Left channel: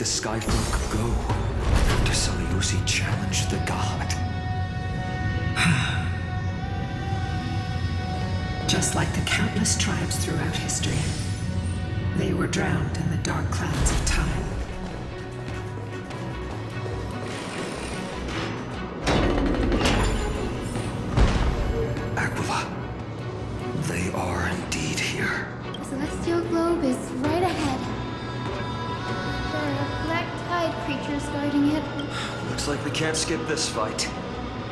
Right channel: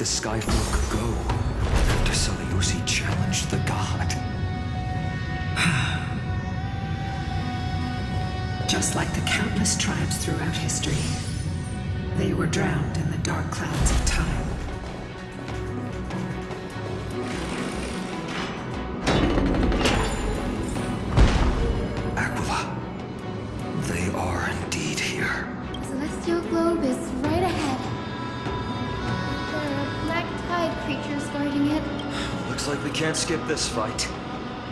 the Skyfolk go after Seleucid challenged the god? Just like the countless tribes throughout history, they were drowned in the dark clouds of time. Aquila, they are indeed here. The celestial globe is right ahead. There are black tide creatures guarding it. Looks like we can't skip this fight.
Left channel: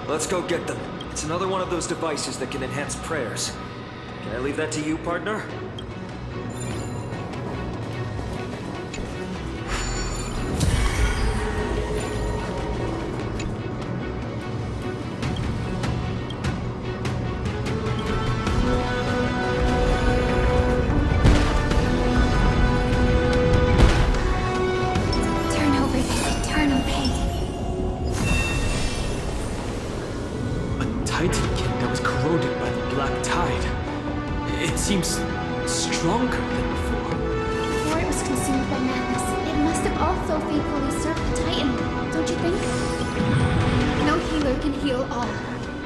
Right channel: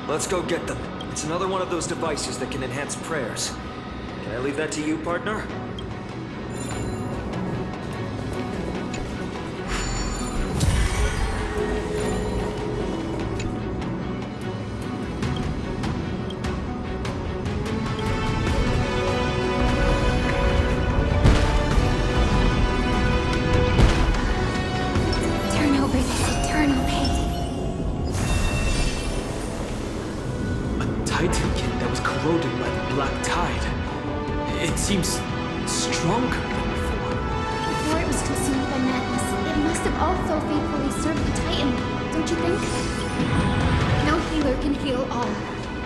Let's go get them. It's another one of those devices that can enhance prayers. Can I leave that to you, partner? Turn over this eternal pain. A Titankin that was corroded by the black tide. It seems stronger than before. Before it was consumed by madness, it must have also faithfully served the Titan, don't you think? No healer can heal all,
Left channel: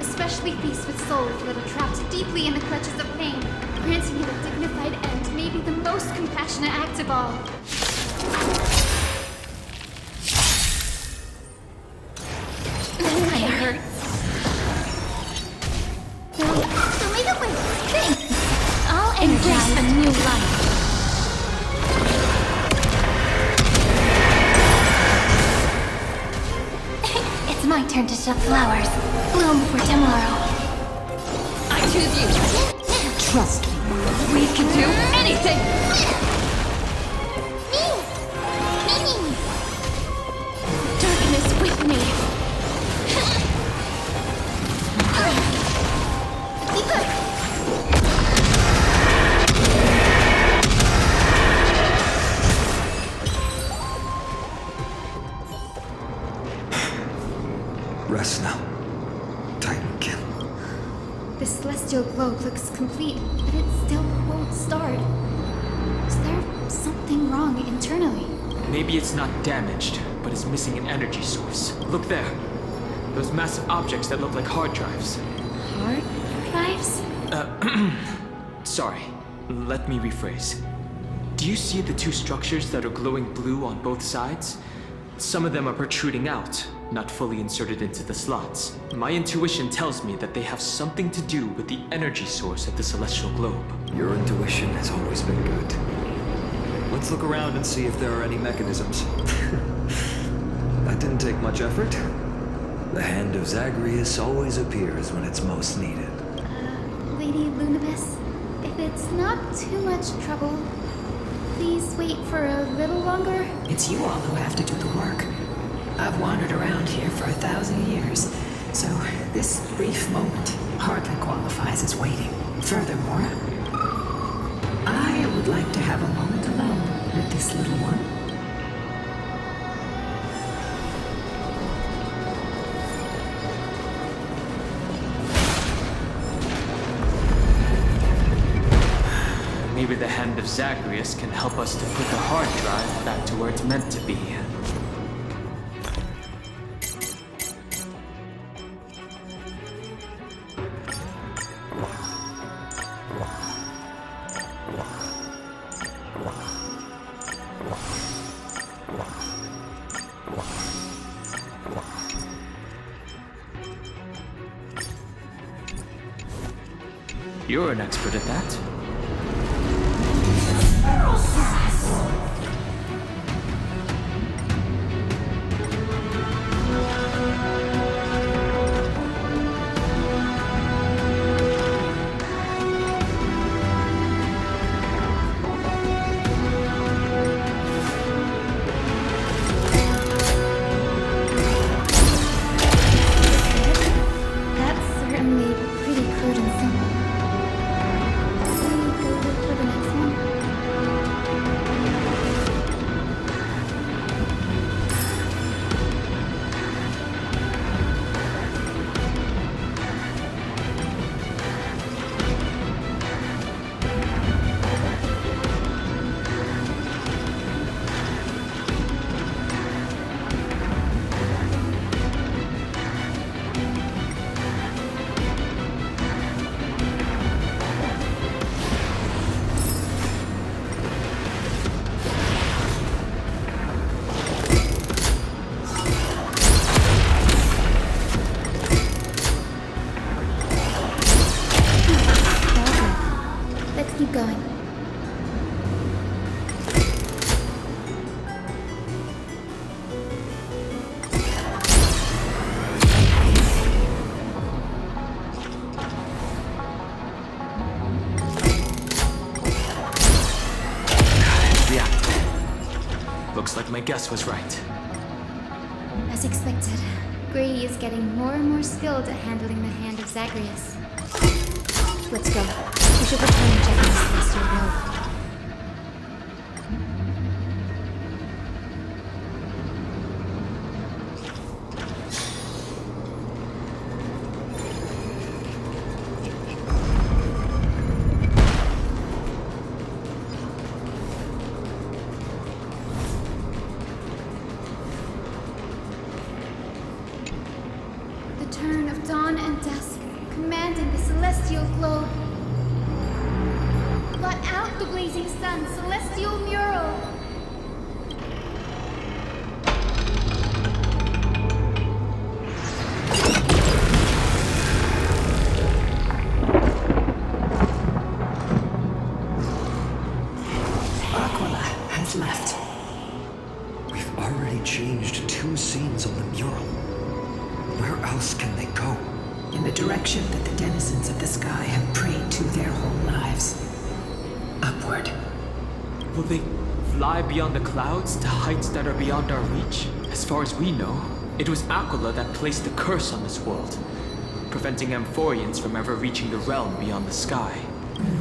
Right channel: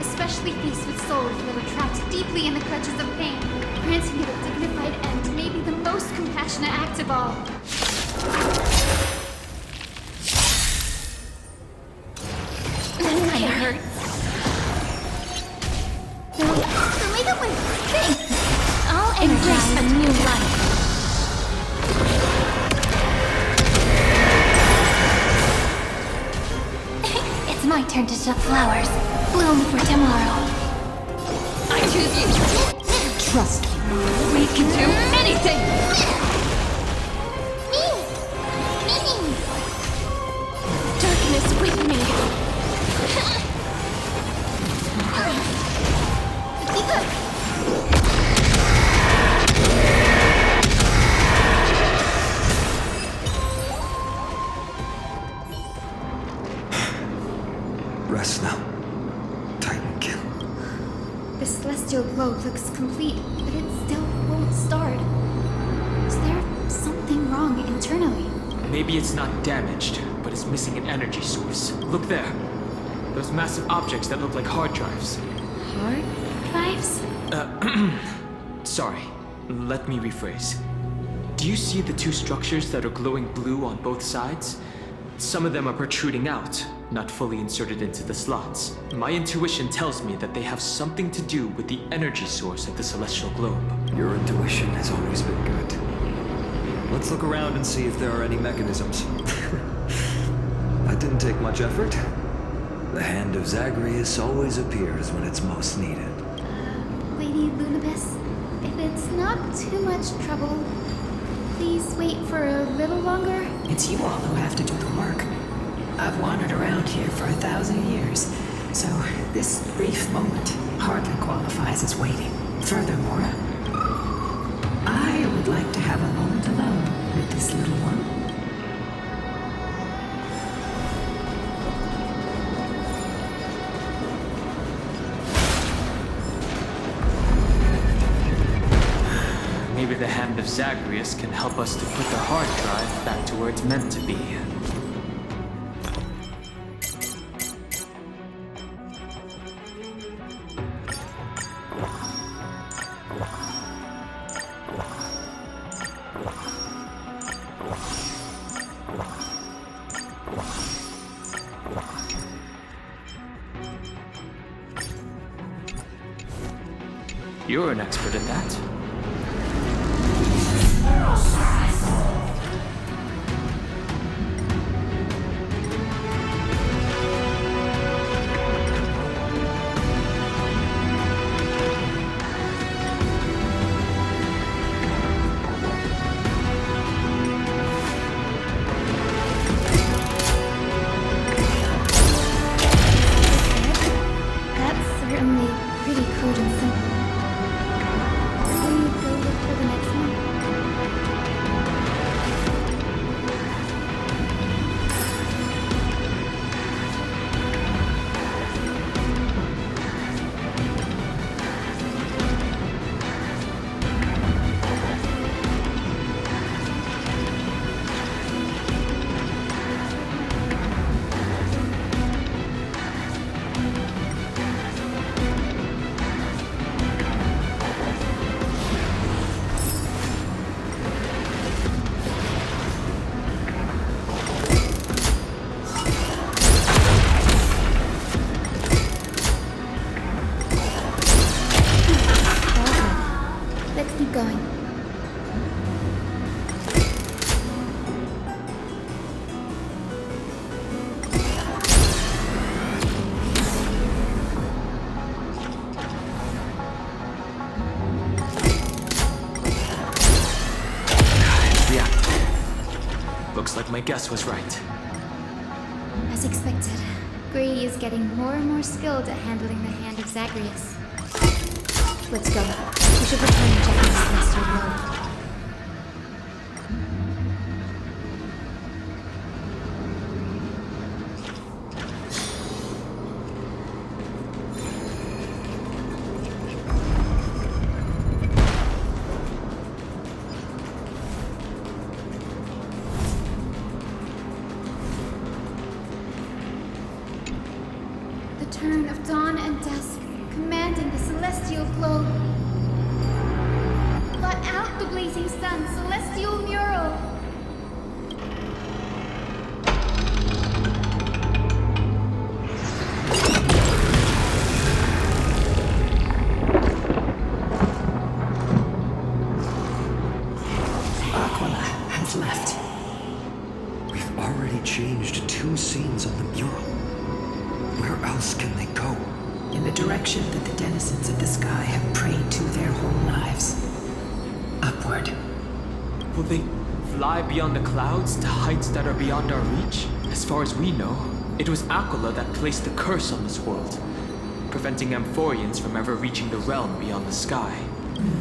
especially beasts with souls that are trapped deeply in the clutches of pain. Granting it a dignified end may be the most compassionate act of all. It hurts. So make it with things. I'll embrace a new life. It's my turn to show flowers. Bloom for tomorrow. I choose you. Trust me. We can do anything! Darkness with me. Rest now, Titankin. The celestial globe looks complete, but it still won't start. Is there something wrong internally? Maybe it's not damaged, but it's missing an energy source. Look there. Those massive objects that look like hard drives. Hard drives? Sorry. Let me rephrase. Do you see the two structures that are glowing blue on both sides? Some of them are protruding out, not fully inserted into the slots. My intuition tells me that they have something to do with the energy source of the celestial globe. Your intuition has always been good. Let's look around and see if there are any mechanisms. That didn't take much effort. The hand of Zagreus always appears when it's most needed. Lady Lunibus, if it's not too much trouble, please wait for a little longer. It's you all who have to do the work. I've wandered around here for 1,000 years, so this brief moment hardly qualifies as waiting. Furthermore, I would like to have a moment alone with this little one. Maybe the hand of Zagreus can help us to put the hard drive back to where it's meant to be. You're an expert at that. That's certainly pretty crude and simple. Will you go look for the next one? keep going. Looks like my guess was right. As expected, Grey is getting more and more skilled at handling the hand of Zagreus. Let's go. We should return and check on the celestial globe. The turn of dawn and dusk, commanding the celestial globe. Blot out the blazing sun, celestial mural. Aquila has left. We've already changed 2 scenes on the mural. Where else can they go? In the direction that the denizens of the sky have prayed to their whole lives. Upward. Will they fly beyond the clouds to heights that are beyond our reach? As far as we know, it was Aquila that placed the curse on this world, preventing Amphoreans from ever reaching the realm beyond the sky.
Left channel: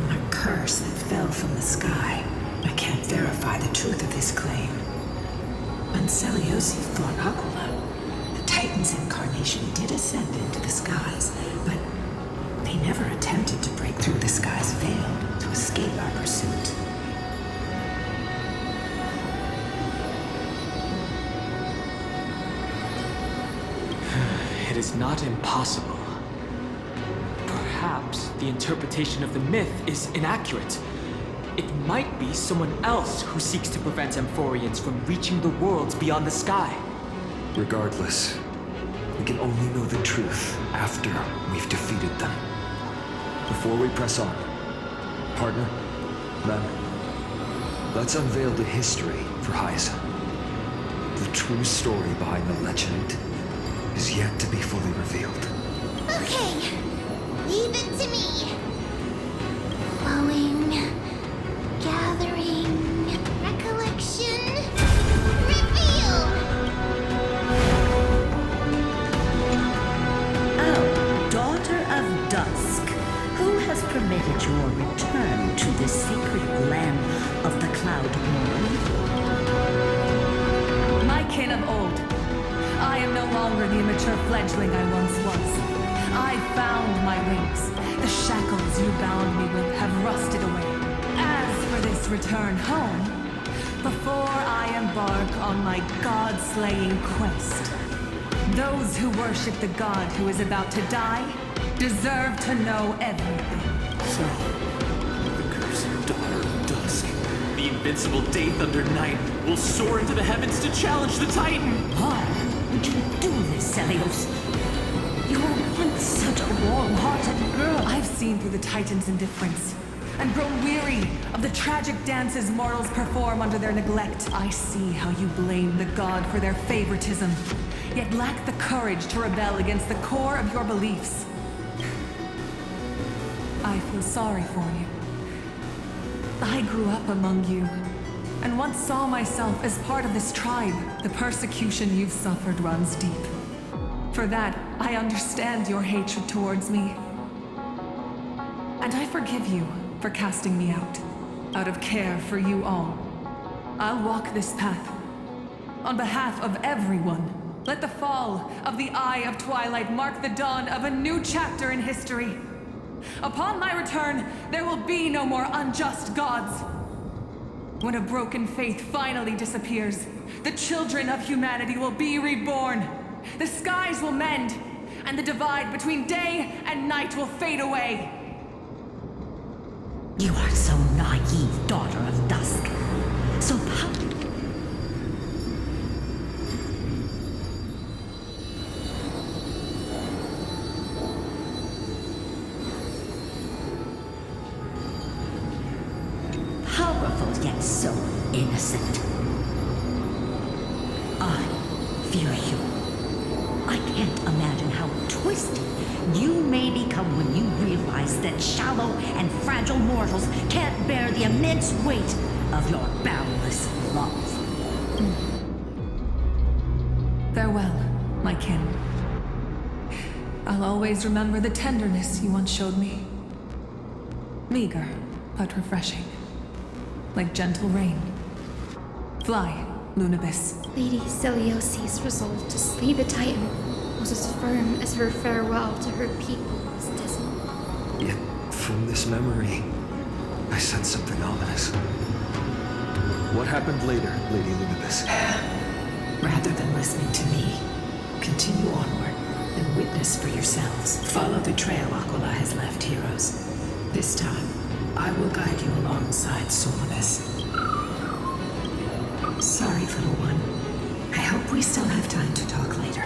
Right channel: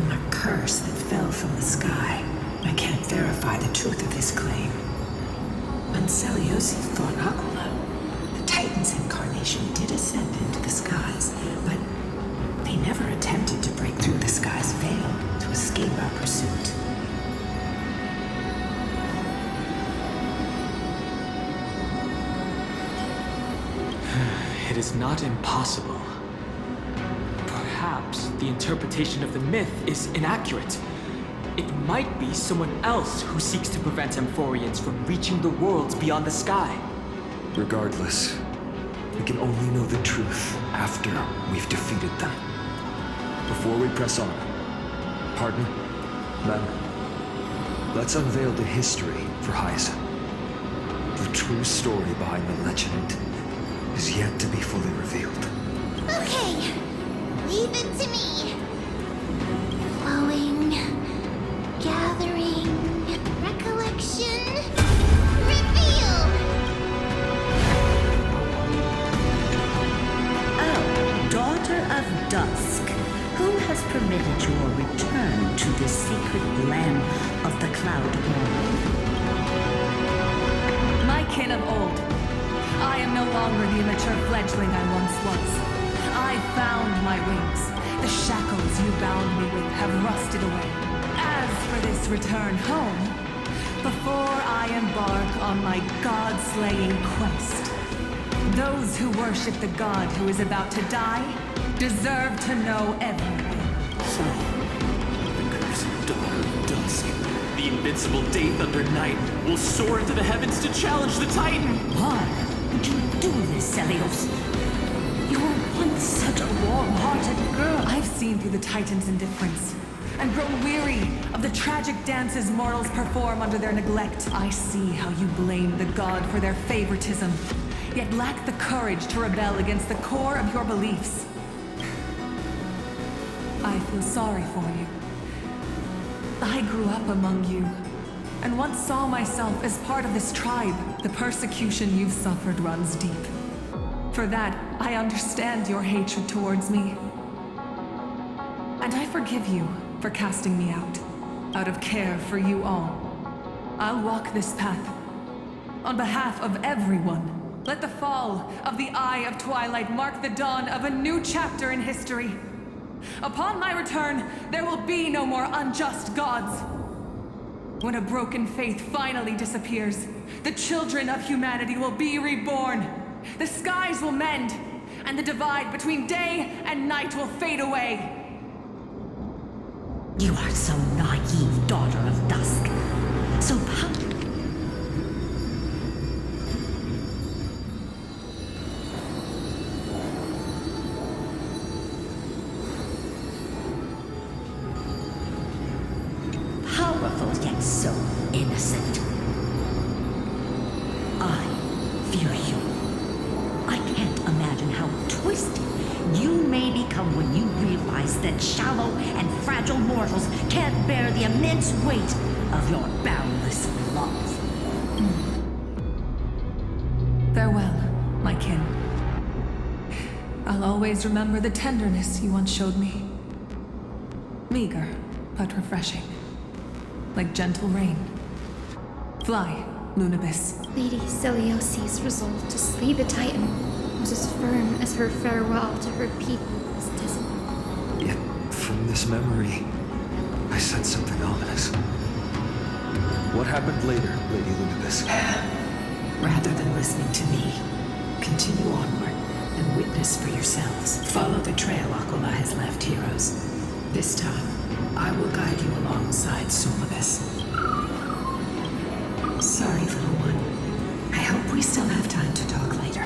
A curse that fell from the sky. I can't verify the truth of this claim. Anseliosi fought Aquila. The Titan's incarnation did ascend into the skies, but they never attempted to break through the sky's veil to escape our pursuit. It is not impossible. Perhaps the interpretation of the myth is inaccurate. It might be someone else who seeks to prevent Amphoreans from reaching the worlds beyond the sky. Regardless, we can only know the truth after we've defeated them. Before we press on, partner, men, let's unveil the history for Hyacinth. The true story behind the legend is yet to be fully revealed. Okay, leave it to me. Flowing, gathering, recollection, reveal! Oh, daughter of dusk, who has permitted your return to this sacred land of the cloud world? My kin of old. I am no longer the immature fledgling I once was. I found my wings. The shackles you bound me with have rusted away. As for this return home, before I embark on my god-slaying quest, those who worship the god who is about to die deserve to know everything. So, the cursed daughter of dusk, the invincible day thunder knight, will soar into the heavens to challenge the Titan! Why would you do this, Celios? You were once such a warm-hearted girl. I've seen through the Titan's indifference and grown weary of the tragic dances mortals perform under their neglect. I see how you blame the god for their favoritism, yet lack the courage to rebel against the core of your beliefs. I feel sorry for you. I grew up among you, and once saw myself as part of this tribe. The persecution you've suffered runs deep. For that, I understand your hatred towards me. And I forgive you for casting me out of care for you all. I'll walk this path. On behalf of everyone, let the fall of the Eye of Twilight mark the dawn of a new chapter in history. Upon my return, there will be no more unjust gods. When a broken faith finally disappears, the children of humanity will be reborn. The skies will mend, and the divide between day and night will fade away. You are so naive, daughter of dusk. So powerful yet so innocent. I fear you. I can't imagine how twisted you may become when you realize that shallow and fragile mortals can't bear the immense weight of your boundless love. Farewell, my kin. I'll always remember the tenderness you once showed me. Meager, but refreshing. Like gentle rain. Fly, Lunibis. Lady Celiosi's resolve to slay the Titan was as firm as her farewell to her people was dismal. Yet, from this memory, I sense something ominous. What happened later, Lady Lunibis? Rather than listening to me, continue onward and witness for yourselves. Follow the trail Aquila has left, heroes. This time, I will guide you alongside Solibus. Sorry, little one. I hope we still have time to talk later.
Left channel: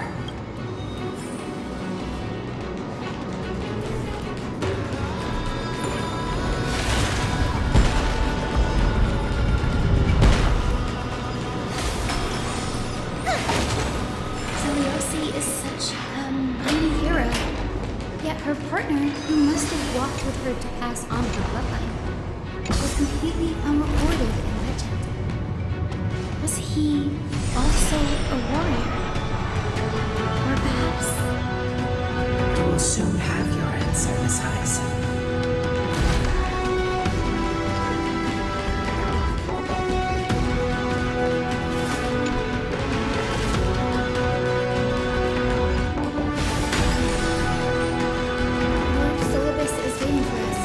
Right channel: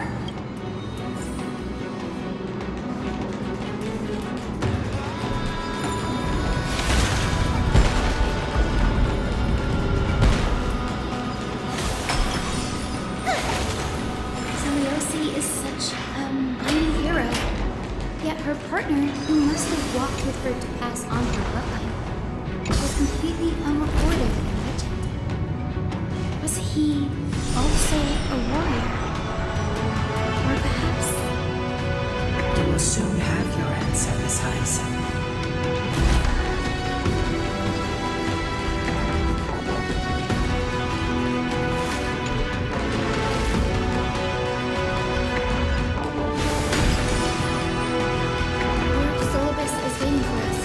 Celiosi is such a mighty hero. Yet her partner, who must have walked with her to pass on her bloodline, was completely unrecorded in legend. Was he also a warrior? Or perhaps... You will soon have your answer, Miss Hyacinth. Lord Solibus is waiting for us.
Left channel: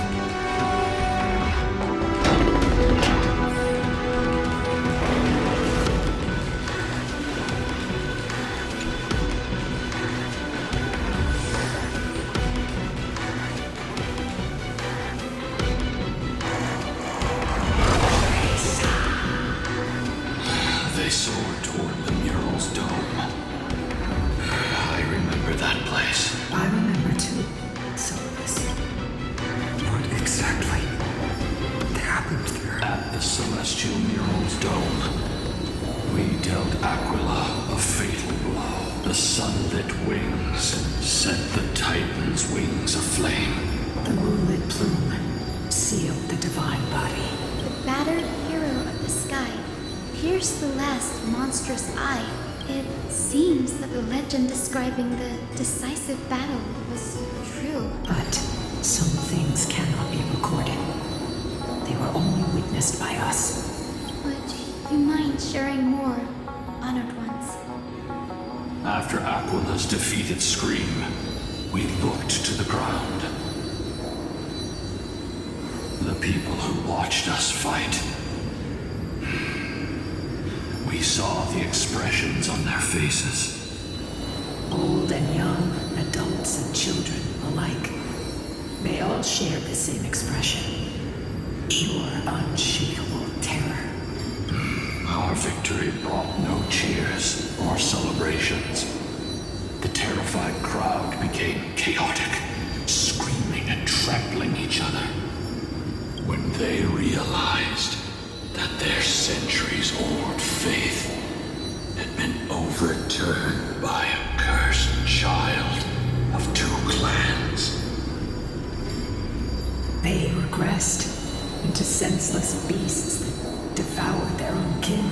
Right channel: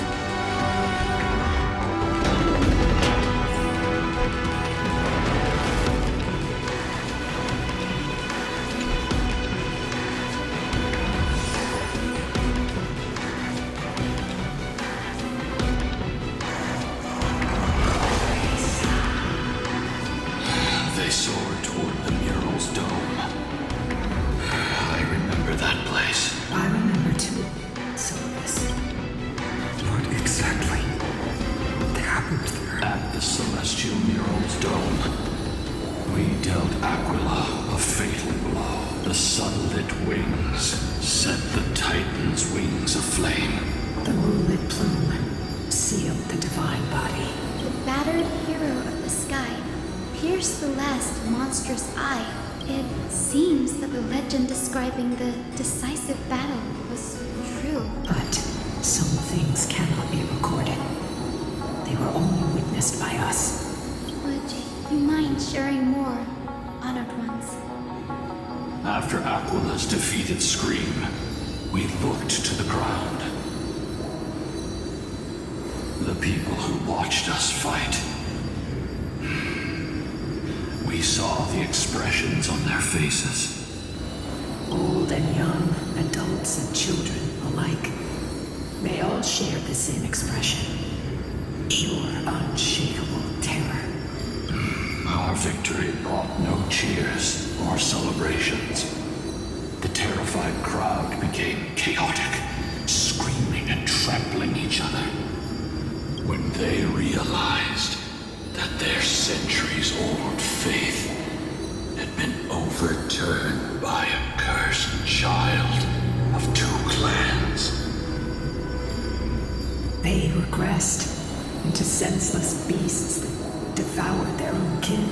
They soared toward the mural's dome. I remember that place. I remember too, Solibus. What exactly happened there? At the celestial mural's dome, we dealt Aquila a fatal blow. The sunlit wings set the Titan's wings aflame. The moonlit plume sealed the divine body. The battered hero of the sky pierced the last monstrous eye. It seems that the legend describing the decisive battle was true. But some things cannot be recorded. They were only witnessed by us. Would you mind sharing more, honored ones? After Aquila's defeated scream, we looked to the ground. The people who watched us fight. We saw the expressions on their faces. Old and young, adults and children alike. They all shared the same expression. Pure, unshakable terror. Our victory brought no cheers or celebrations. The terrified crowd became chaotic, screaming and trampling each other. When they realized that their centuries-old faith had been overturned by a cursed child of two clans. They regressed into senseless beasts that devoured their own kin.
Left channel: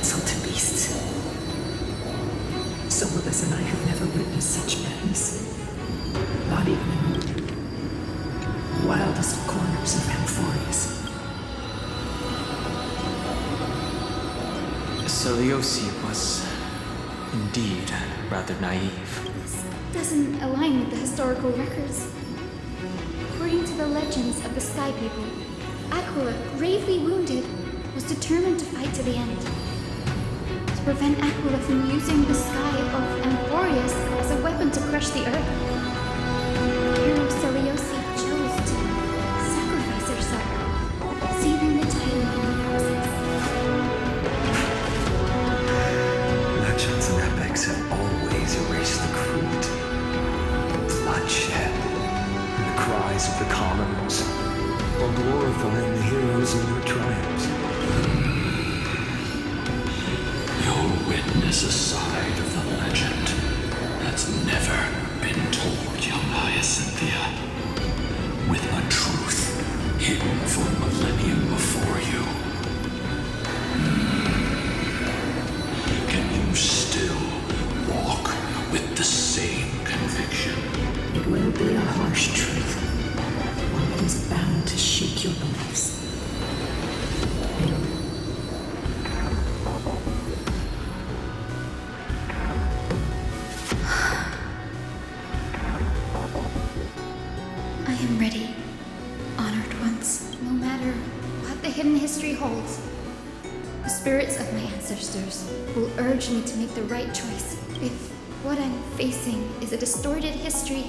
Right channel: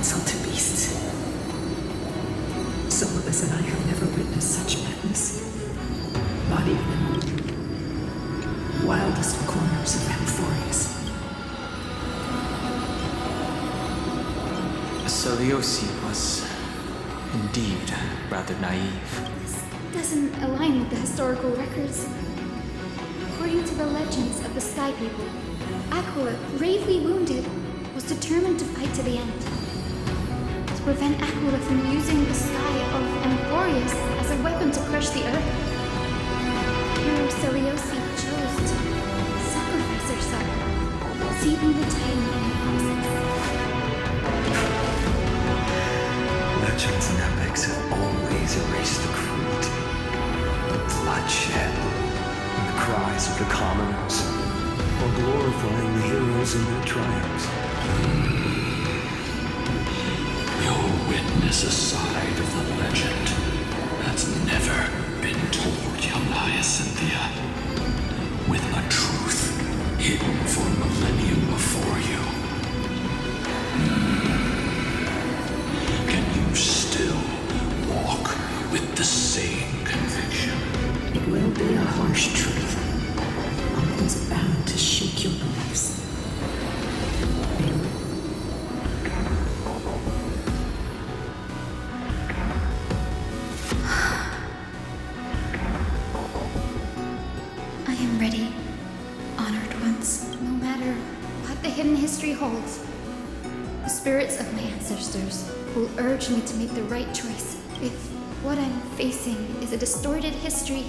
pencil to beasts. Solus and I have never witnessed such madness. Not even in the wildest corners of Amphoreus. Seleuci was indeed rather naive. This doesn't align with the historical records. According to the legends of the Sky People, Aquila, gravely wounded, was determined to fight to the end. To prevent Aquila from using the sky of Amphoreus as a weapon to crush the earth, hero Seleuci chose to sacrifice herself, sealing the Titan in the process. Legends and epics have always erased the cruelty, the bloodshed, and the cries of the commoners, while glorifying the heroes in their triumphs. You'll witness a side of the legend that's never been told, young Hyacinthia. With a truth hidden for a millennium before you. Can you still walk with the same conviction? It will be a harsh truth. One that is bound to shake your beliefs. I am ready, honored ones. No matter what the hidden history holds, the spirits of my ancestors will urge me to make the right choice. If what I'm facing is a distorted history,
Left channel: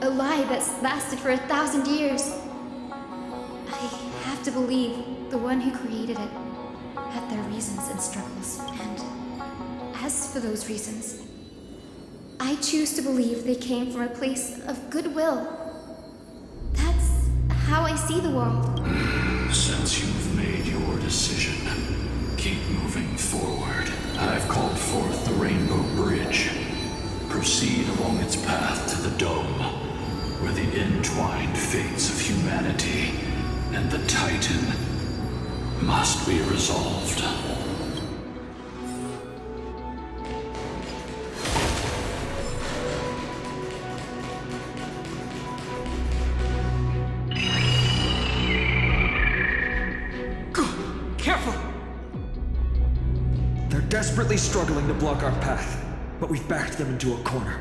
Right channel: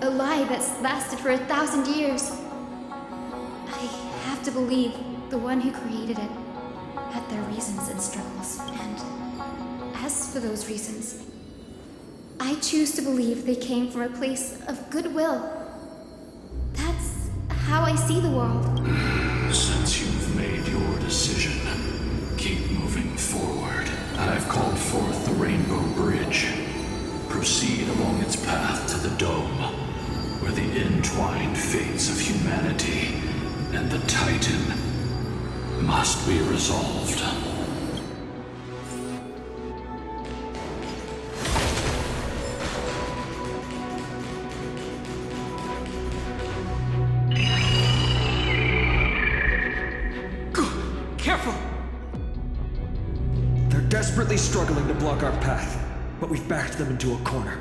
a lie that's lasted for 1,000 years, I have to believe the one who created it had their reasons and struggles. And as for those reasons, I choose to believe they came from a place of goodwill. That's how I see the world. Since you've made your decision, keep moving forward. I've called forth the Rainbow Bridge. Proceed along its path to the Dome, where the entwined fates of humanity and the Titan must be resolved. Careful! They're desperately struggling to block our path, but we've backed them into a corner.